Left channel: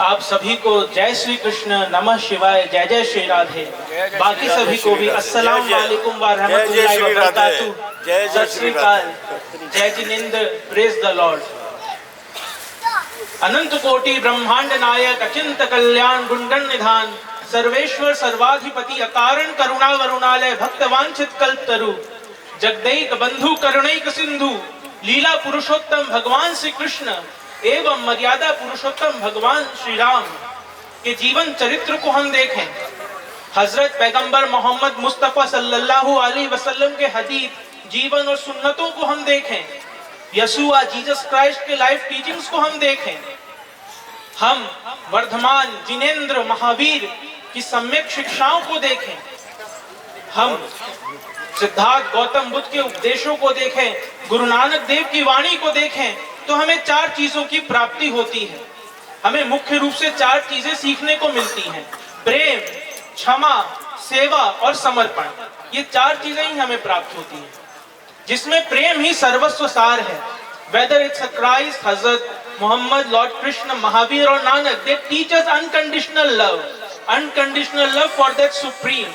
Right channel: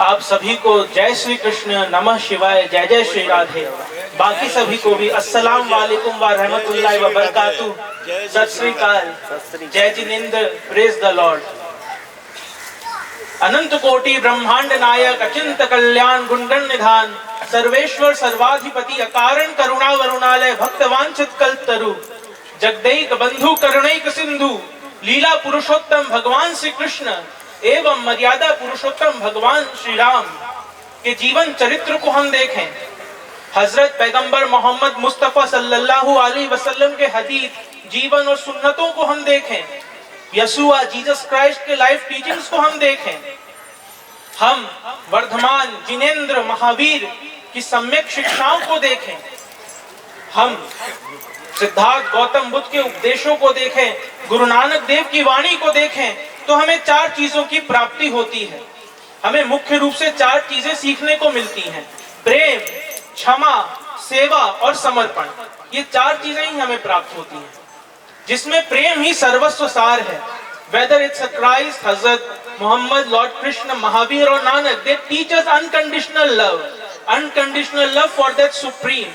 आप सभी को जय श्री कृष्ण, नमः शिवाय, जय जय श्री राधे। बाकी सभी को भी अस्सलाम वालेकुम व रहमतुल्लाहि व बरकातहू, सत श्री अकाल, जय जिनेंद्र, प्रेज द लॉर्ड। अनंत कोटि ब्रह्मांड नायक, अचिंत कल्याण गुणगण निधान, सर्वेश्वर सर्वाधिपति, अकारण करुणा वरुणालय, भक्त वांछित कल्पतरु, जगदैक बंधु करुणैक सिंधु, लीला पुरुषोत्तम भगवान श्री कृष्ण एवं मर्यादा पुरुषोत्तम भगवान श्री राम के जीवन चरित्र को हम देखें। हजरत पैगंबर मोहम्मद मुस्तफा सल्लल्लाहु अलैहि वसल्लम के हदीस जीवन और सुन्नतों को हम देखें। यसूआ जीसस क्राइस्ट के लाइफ टीचिंग्स को हम देखें। हम वर्धमान जिनेंद्र महावीर की सम्यक शिक्षाओं को देखें। हम सिद्धार्थ गौतम बुद्ध के उपदेशों को देखें, गुरु नानक देव की वाणी को देखें, तो हमें चार चीजों की प्राप्ति होती है। हमें मुख्य रूप से चार चीजें सीखने को मिलती हैं: प्रेम, क्षमा, सेवा और समर्पण। ये चार चीजें ही हमें प्राप्त होती हैं, जिसमें प्रेम ही सर्वस्व सार है। Whether it's Christ, Hazrat Mohammad, Lord Krishna, Mahavir और Nanak, they teach us unconditional love, unconditional love for that supreme.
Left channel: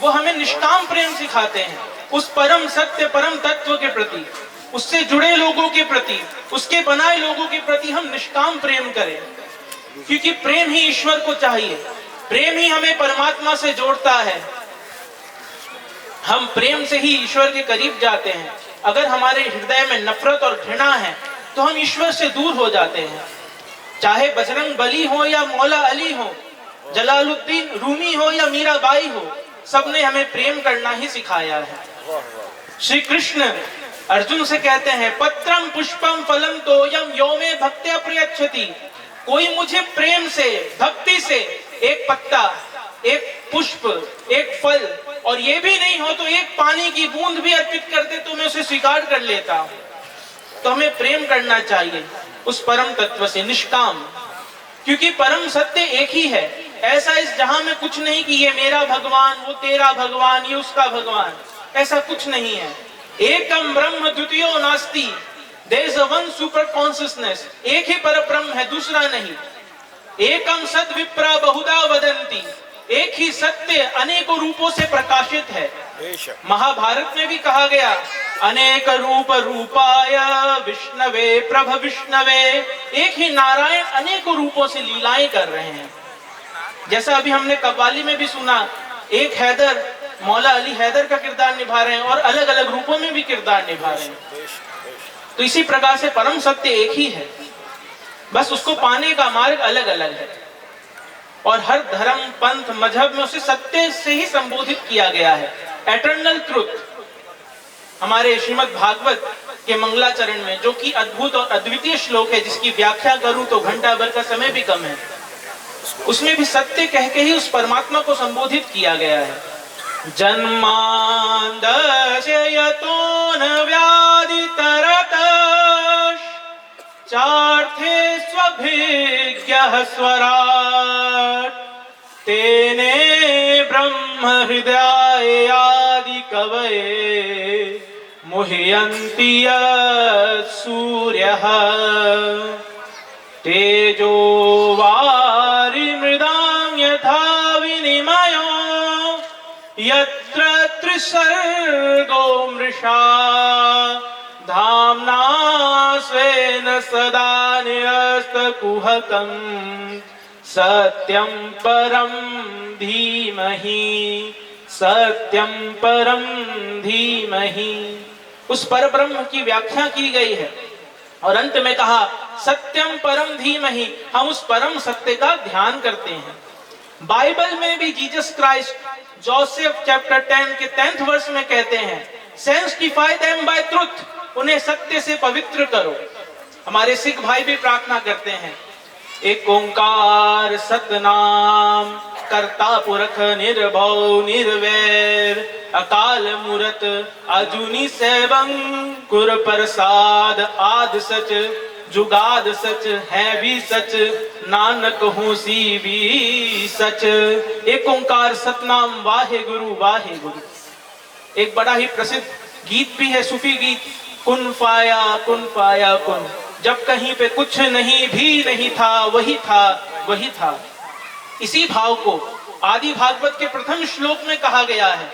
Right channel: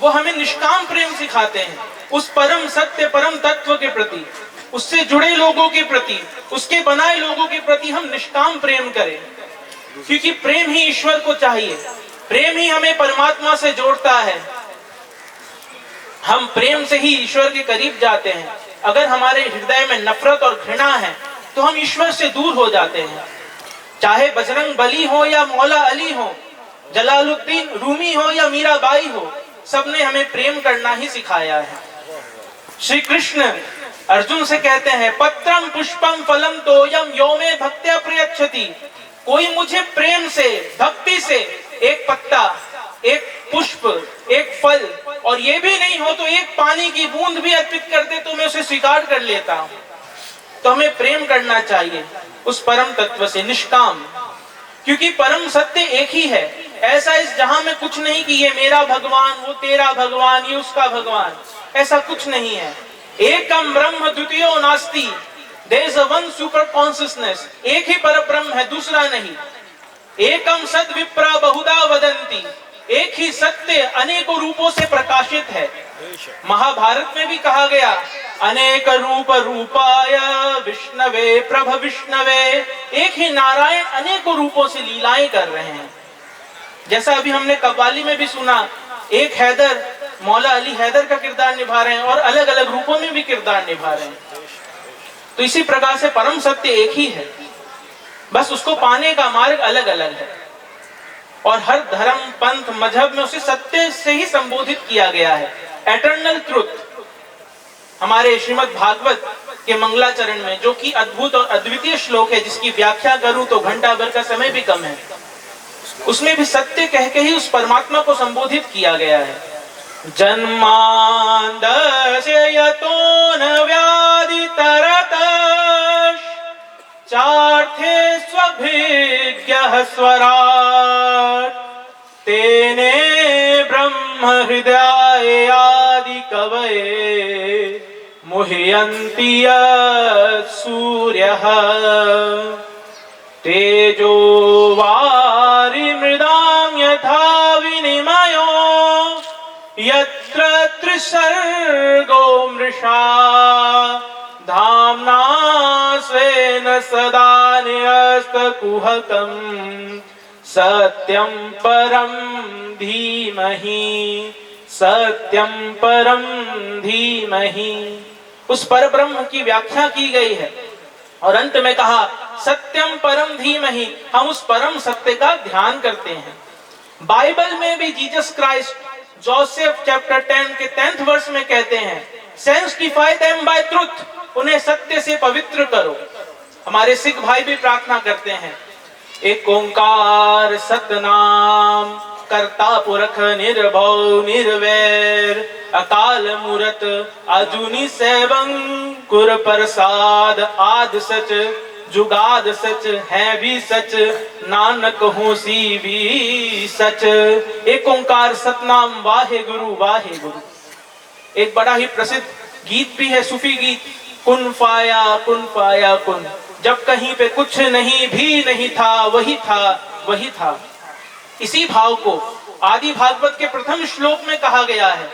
वो हमें निष्काम प्रेम सिखाते हैं, उस परम सत्य, परम तत्व के प्रति, उससे जुड़े लोगों के प्रति, उसके बनाए लोगों के प्रति हम निष्काम प्रेम करें, क्योंकि प्रेम ही ईश्वर को चाहिए। प्रेम ही हमें परमात्मा से जोड़ता है। हम प्रेम से ही ईश्वर के करीब जाते हैं। अगर हमारे हृदय में नफरत और घृणा है तो हम ईश्वर से दूर हो जाते हैं। चाहे बजरंग बली हो या मौला अली हो, जलालुद्दीन रूमी हो या मीराबाई हो, सबने हमें प्रेम करना ही सिखाया है। श्री कृष्ण अर्जुन से कहते हैं, पत्रम पुष्पम फलम तोयम यो मे भक्त्या प्रयच्छति। कोई मुझे प्रेम से, भक्ति से एक पत्ता, एक पुष्प, एक फल, और ये भी नहीं हो तो एक पानी की बूंद भी अर्पित कर दे तो मैं उसे स्वीकार कर लेता हूं। तो हमें प्रेम करना चाहिए उस परम तत्व से, निष्काम, क्योंकि परम सत्य एक ही है। ऐसा इस जहां में कुछ नहीं कि ये मेरा भगवान, वो तेरा भगवान, ये उसका भगवान, ऐसा कुछ नहीं है। एकम ब्रह्म द्वितीयो नास्ति, there is one super consciousness. एक ही पर ब्रह्म है, दूसरा नहीं। एकम सद विप्रा बहुधा वदंती, एक ही सत्य अनेकों रूपों से प्रकाशित है। महाभारत में भी कहा गया, अनेक रूप रूपाय विष्णवे प्रभ विष्णवे। एक ही नारायण अनेकों रूपों से लीलाएं कर रहे हैं। जैसा अभी हमने कव्वाली में भी सुना, एक हैदर, मौला अली हैदर का किरदार निभा रहे हैं और अलग अलग रूपों में भी किरदार निभा रहे हैं। तो इसी प्रकार से परम सत्य एक ही है, बस उसको पाने का मार्ग अलग अलग है। और हर धर्म, पंथ, मजहब में उसे सत्य से ही संबोधित किया गया है, एटर्नल ट्रुथ। हमारे श्रीमद् भागवत के मंगलाचरण में, जो कि अद्भुत और अद्वितीय श्लोक है, जिसकी व्याख्या करूं तो घंटा भर का समय भी कम है, उसमें भी सत्य कह के ही उस परमात्मा को संबोधित किया गया है। जन्मांदस्य यतो न व्याधि तरतः, चार्थे स्वभिज्ञः स्वराट्, तेने ब्रह्म हृदयाय आदि कवये मुह्यन्ति यत् सूर्यः। तेजो वारिमृदां यथा विनिमयो यत्र त्रिसर्गो मृषा, धाम्ना स्वेन सदा निरस्तकुहकं सत्यं परं धीमहि, सत्यं परं धीमहि। उस परब्रह्म की व्याख्या की गई है और अंत में कहा, सत्यम परम धीमहि। हम उस परम सत्य का ध्यान करते हैं। बाइबल में भी जीसस क्राइस्ट जोसेफ चैप्टर 10 के 10th वर्ष में कहते हैं, सेंटिफाई देम बाय ट्रुथ, उन्हें सत्य से पवित्र करो। हमारे सिख भाई भी प्रार्थना करते हैं, एक ओंकार सतनाम करता पुरख निर्भव निर्वैर, अकाल मूरत अजूनी सैवं कुर प्रसाद, आद सच जुगाद सच है भी सच, नानक होसी भी सच। एक ओंकार सतनाम वाहे गुरु वाहे गुरु। एक बड़ा ही प्रसिद्ध गीत भी है, सूफी गीत, कुन फाया कुन फाया कुन। जब कहीं पे कुछ नहीं भी नहीं था, वही था वही था। इसी भाव को आदि भागवत के प्रथम श्लोक में कहा गया है,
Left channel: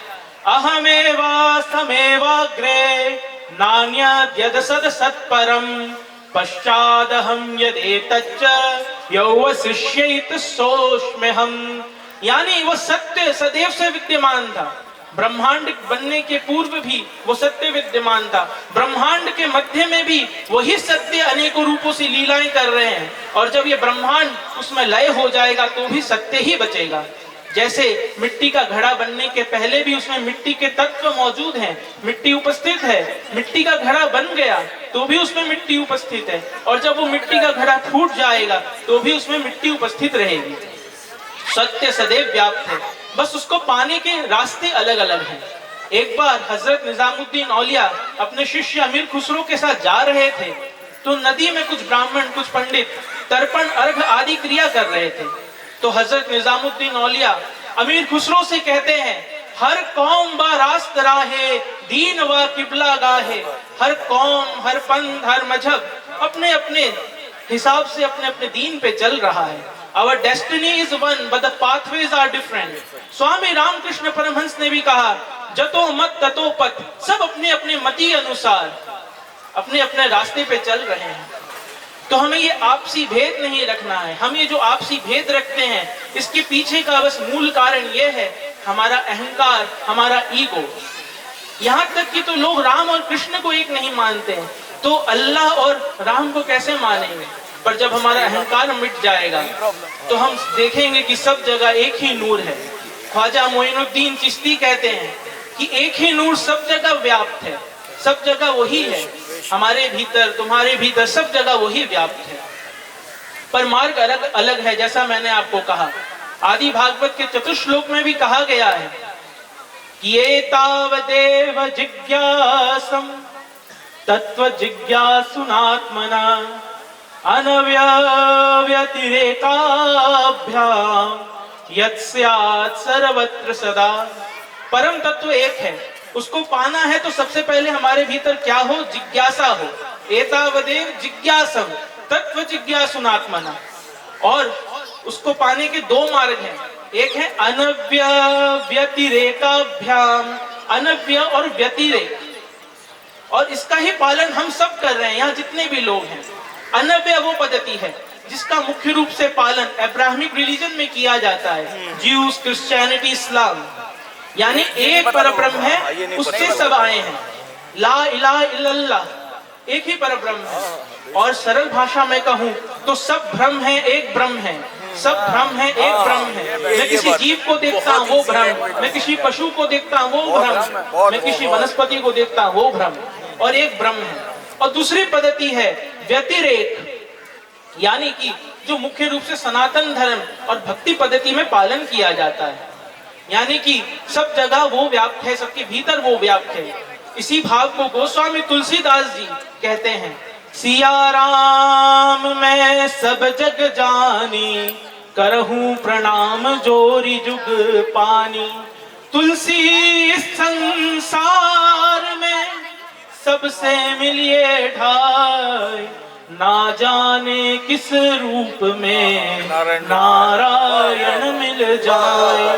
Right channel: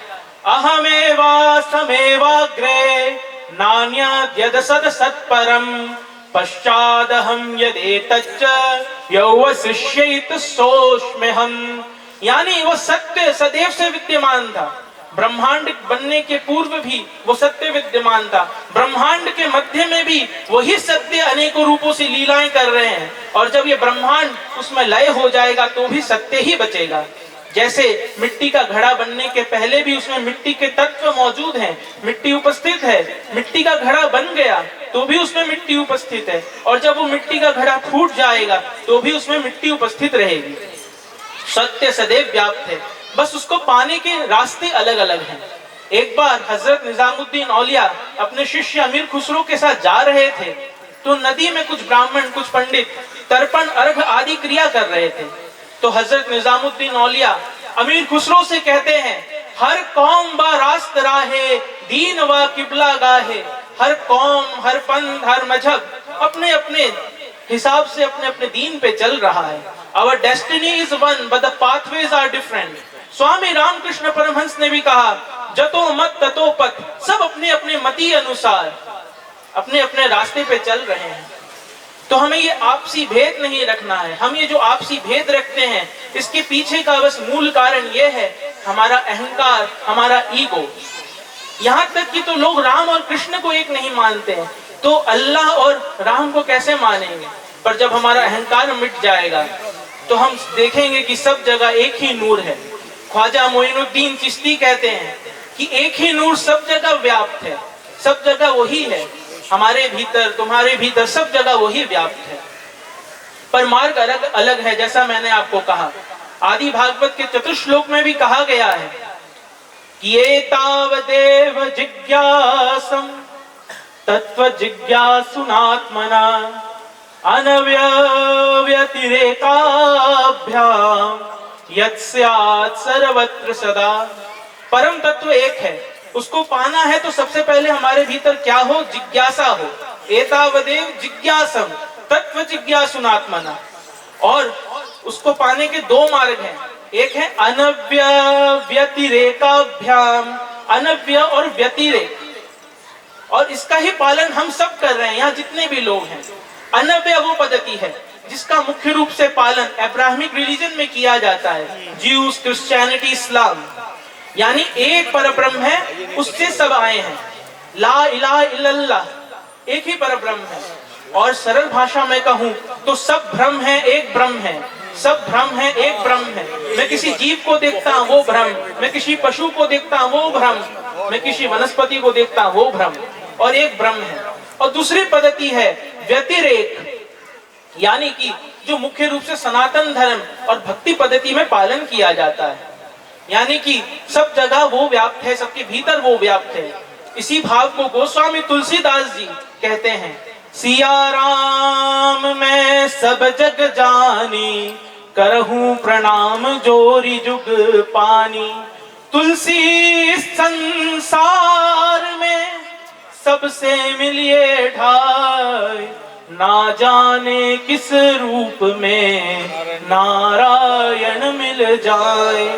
अहमेवास्तमेवाग्रे नान्यद्यद सद सत्परम पश्चादहम यदेतच्च यौवशिष्येत सोऽस्म्यहम्। यानी वो सत्य सदैव से विद्यमान था, ब्रह्मांड बनने के पूर्व भी वो सत्य विद्यमान था, ब्रह्मांड के मध्य में भी वही सत्य अनेकों रूपों से लीलाएं कर रहे हैं, और जब ये ब्रह्मांड उसमें लय हो जाएगा तो भी सत्य ही बचेगा। जैसे मिट्टी का घड़ा बनने के पहले भी उसमें मिट्टी के तत्व मौजूद हैं, मिट्टी उपस्थित है, मिट्टी का घड़ा बन गया तो भी उसमें मिट्टी उपस्थित है, और जब वो मिट्टी का घड़ा फूट जाएगा तो भी उसमें मिट्टी उपस्थित रहेगी। सत्य सदैव व्याप्त है, बस उसको पाने के रास्ते अलग अलग हैं। एक बार हजरत निजामुद्दीन औलिया अपने शिष्य अमीर खुसरो के साथ जा रहे थे, तो नदी में कुछ ब्राह्मण, कुछ पंडित तर्पण, अर्घ आदि क्रिया कर रहे थे। तो हजरत निजामुद्दीन औलिया अमीर खुसरो से कहते हैं, हर कौम बा रास्त राहे, दीन व किबला गाहे। हर कौम, हर पंथ, हर मजहब अपने अपने हिसाब से अपने अपने दीन पे चल रहा है। Our destiny is one, but the pathways are different. Swami Ramakrishna Paramhans ने भी कहा, जतो मत ततो पथ, सब अपने अपने मति अनुसार अपने अपने रास्ते पे चल रहे हैं। तो हमें ये आपसी भेद नहीं रखना है। हम ये जो आपसी भेद रखते हैं, इसके पीछे का बस मूल कारण ये है हमारा अहंकार, हमारा ईगो। यहाँ तक कि तो लोग राम और कृष्ण को एक नहीं मानते हैं, तो अल्लाह और राम को कैसे मानेंगे? पर जब हमारा अहंकार मिट जाएगा तो हम देखेंगे कि सब जगह एक ही नूर है। ख्वाजा मोइनुद्दीन चिश्ती कहते हैं कि एक ही नूर सब जगह व्याप्त है, सब जगह वही है, हमारे भीतर, तुम्हारे भीतर, सब जगह वही व्याप्त है। पर मार्ग अलग अलग है। जैसा मैंने आपको कहा, आदि भागवत के चतुश्लोक में भी कहा गया है, ये तावदेव जिज्ञासम तत्व जिज्ञासुनात्मना अनव्यतिरेकाभ्याम यत्स्यात् सर्वत्र सदा। परम तत्व एक है, उसको पाना है तो सबसे पहले हमारे भीतर क्या हो? जिज्ञासा हो। एतावदेव जिज्ञासम तत्व जिज्ञासुनात्मना। और उसको पाने के दो मार्ग हैं, एक है अनव्यतिरेकाभ्याम, अनव्य और व्यतिरेक, और इसका ही पालन हम सब कर रहे हैं यहाँ जितने भी लोग हैं। अनव्य वो पद्धति है जिसका मुख्य रूप से पालन अब्राहमिक रिलीजन में किया जाता है, ज्यूस, क्रिश्चियनिटी, इस्लाम। यानी एक परब्रह्म है, उससे सब आए हैं। ला इलाहा इल्लल्लाह, एक ही परब्रह्म है। और सरल भाषा में कहूँ तो सब भ्रम है, एक ब्रह्म है। सब भ्रम है, एक ब्रह्म है। मैं किसी जीव को देखता हूँ वो भ्रम, मैं किसी पशु को देखता हूँ वो भ्रम, मैं किसी वनस्पति को देखता हूँ वो भ्रम, और एक ब्रह्म है। और दूसरी पद्धति है व्यतिरेक, यानी कि जो मुख्य रूप से सनातन धर्म और भक्ति पद्धति में पालन किया जाता है, यानी कि सब जगह वो व्याप्त है, सबके भीतर वो व्याप्त है। इसी भाव को गोस्वामी तुलसीदास जी कहते हैं, सिया राम मैं सब जग जानी, करहूं प्रणाम जोरी जुग पानी। तुलसी इस संसार में सबसे मिलिए ढाई, ना जाने किस रूप में नारायण मिल जाए।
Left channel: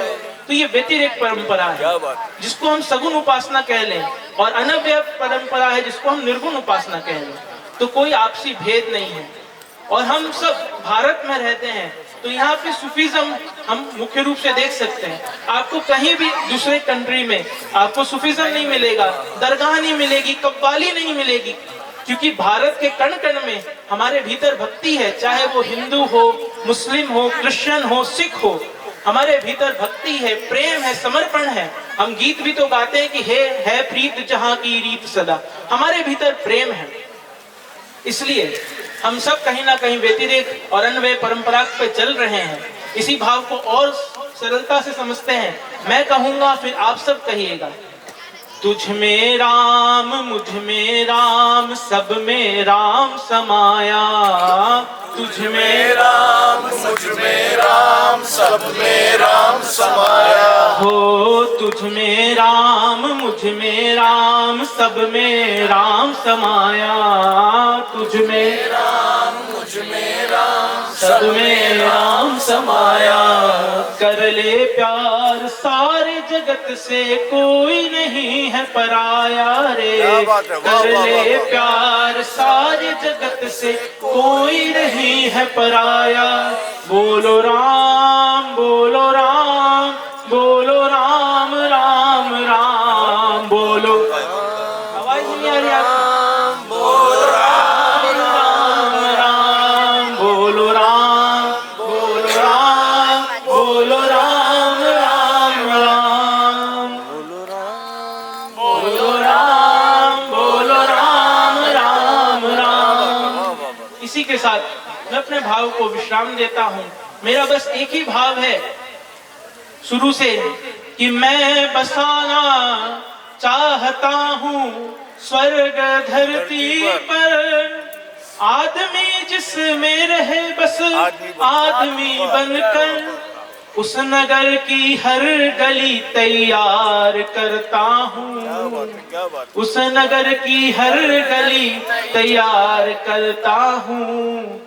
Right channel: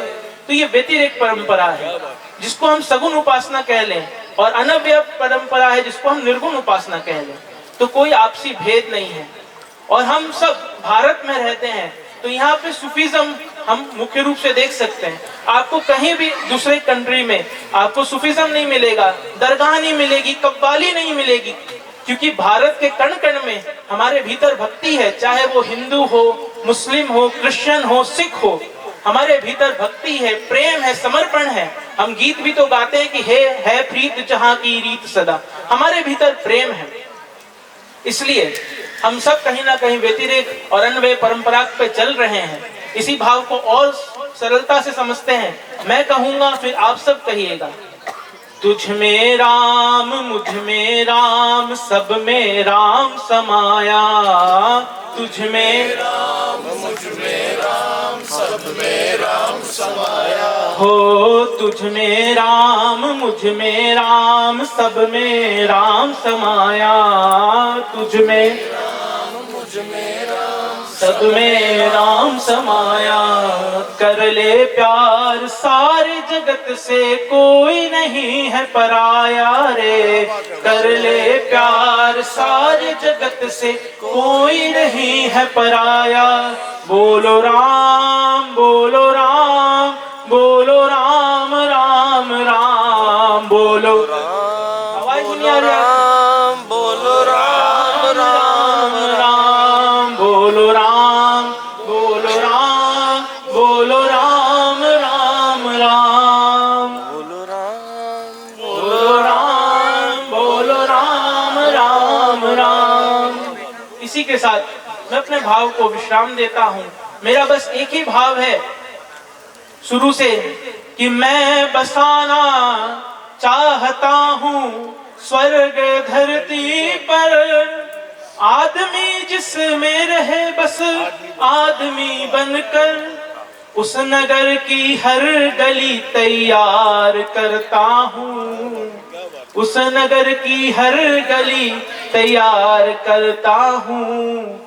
तो ये व्यतिरेक परंपरा है जिसको हम सगुण उपासना कह लें, और अनव्य परंपरा है जिसको हम निर्गुण उपासना कह लें। तो कोई आपसी भेद नहीं है। और हम सब भारत में रहते हैं, तो यहाँ पे सूफीज्म हम मुख्य रूप से देख सकते हैं। आपको कहीं भी दूसरे कंट्री में आपको सूफीज्म नहीं मिलेगा, दरगाह नहीं मिलेगी, कव्वाली नहीं मिलेगी, क्योंकि भारत के कण कण में हमारे भीतर भक्ति है। चाहे वो हिंदू हो, मुस्लिम हो, क्रिश्चियन हो, सिख हो, हमारे भीतर भक्ति है, प्रेम है, समर्पण है। हम गीत भी तो गाते हैं कि है प्रीत जहां की रीत सदा। हमारे भीतर प्रेम है, इसलिए हम सब कहीं ना कहीं व्यतिरेक और अन्वय परंपरा पे चल रहे हैं। इसी भाव को और सरलता से समझते हैं। मैं कहूंगा, फिर आप सब कहिएगा। तुझ में राम, मुझ में राम, सब में राम समाया। तुझ में राम, मुझ में राम, सब में राम समाया। हो तुझ में राम, मुझ में राम, सब में राम समाया। तुझ में राम, मुझ में राम, सब में राम राम समाया। कर ले प्यार सारे जगत से, कोई नहीं है पराया रे। कर ले प्यार सारे जगत से, कोई नहीं है पराया। बोलो राम बोलो राम, बोलो राम राम राम, बोलो आवाज नहीं आ रही आपको? बोलो राम राम राम, बोलो राम बोलो राम, बोलो राम राम राम, बोलो राम बोलो राम, बोलो राम राम राम। इसी के साथ मैं अपने भाव को विश्राम देता हूँ। मेरा बस एक ही भाव है शुरू से कि मैं बसाना चाहता हूँ स्वर्ग धरती पर। आदमी जिसमें रहे बस आदमी बनकर, उस नगर की हर गली तैयार करता हूँ। उस नगर की हर गली तैयार करता हूँ।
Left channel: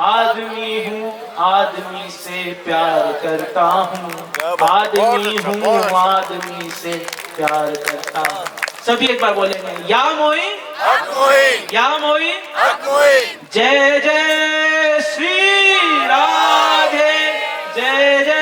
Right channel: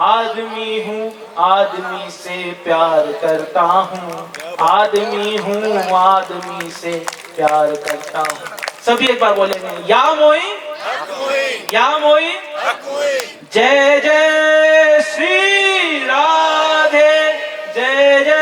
आदमी हूँ आदमी से प्यार करता हूँ, आदमी हूँ आदमी से प्यार करता हूँ। सभी एक बार बोलेंगे, या मोइन या मोइन, जय जय श्री राधे, जय जय